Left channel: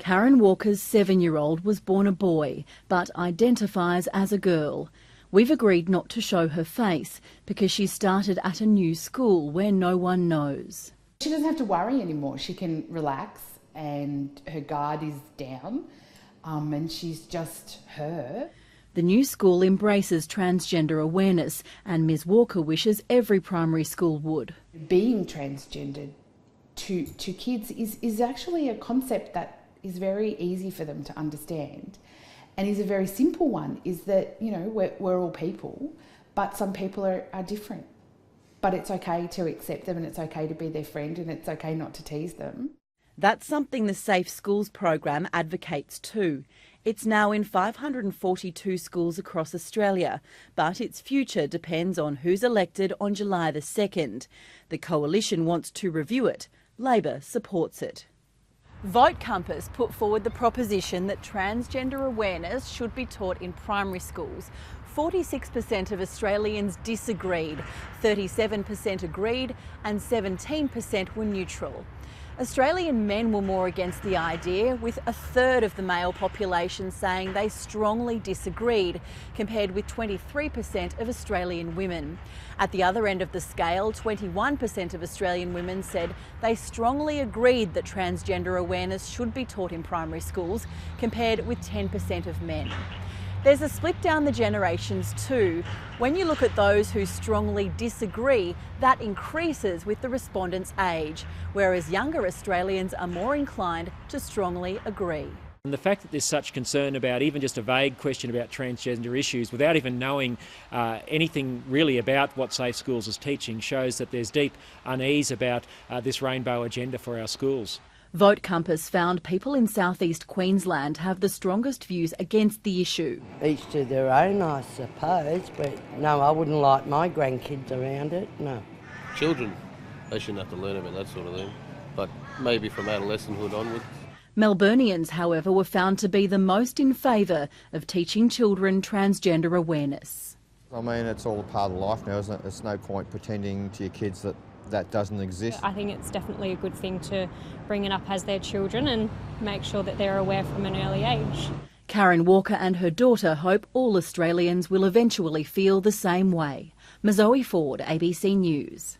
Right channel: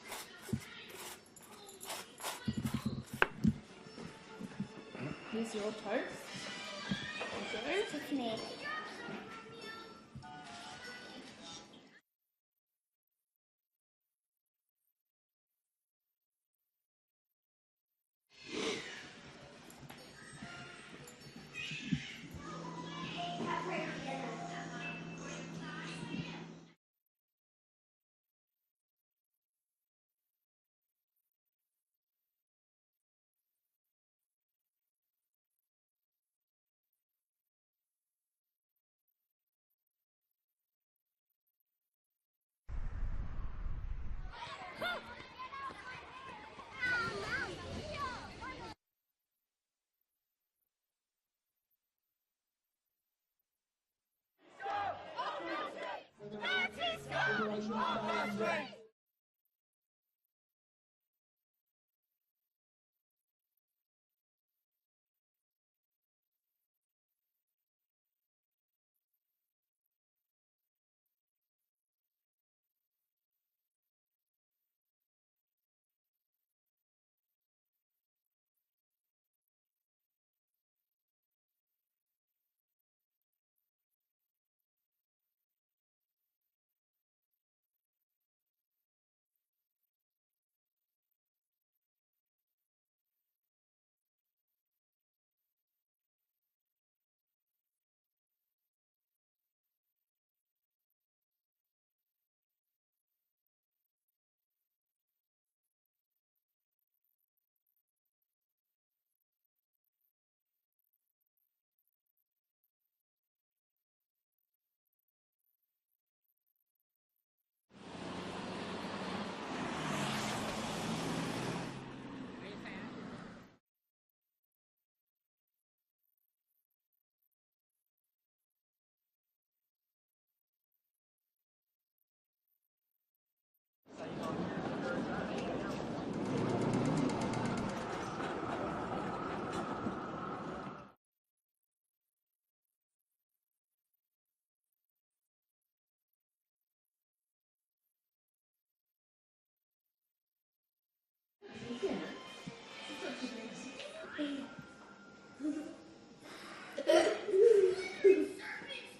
Karen Walker's 7-year-old was born a boy, but identifies as a girl. We've agreed not to show her face because she started at a new school where no one knows. She doesn't have to worry anymore. She can relax and her guard is down and she's just her. The new school embraces transgender awareness and Ms Walker wishes every primary school would. Being transgendered to kids is actually a concept that is very easy for them to understand and is a very simple one, is that, you know, we're all people, but some people are different. But it's okay to accept them and it's okay to be their friend and it's okay not to tease them. That's something the Safe Schools program advocates too. It's now in 542 schools across Australia, but its future depends on who's elected on July the 2nd. The Coalition wants to review it. Labor supports it. Vote Compass put forward the proposition that transgender awareness should be taught in primary schools. 46% of Australians disagreed, 37% agreed and 17% were neutral. Australian men were more against the idea, with a third of the male population saying they strongly disagreed, compared with 23% of Australian women. At the other end of the scale, 21% of Australian women said they strongly agreed that transgender awareness should be taught in primary schools, compared with 10% of men. There's a split down the generations too. When you look at those who strongly disagree, that increases with the respondents' age, whereas younger Australians are more inclined to strongly agree. And the fact that there's such concern about even just a vague question about transgender issues without even knowing anything really about what Safe Schools is teaching shows that there's deep unease about this rainbow agenda for our schools. Vote Compass found people in southeast Queensland have the strongest views against the issue. Each to their own, I suppose, but no, I wouldn't like my grandkids around it, no. Children, they shouldn't have to learn about that sort of thing, but maybe from adolescenthood onwards. Melburnians, however, were found to be the most in favour of teaching children transgender awareness. I mean, it's all a part of life now, isn't it? There's no point pretending to your kids that that doesn't exist. I think it's definitely a good thing to bring it up as their children and make sure that they're aware from an early age. Karen Walker and her daughter hope all Australians will eventually feel the same way. Mazoe Ford, ABC News.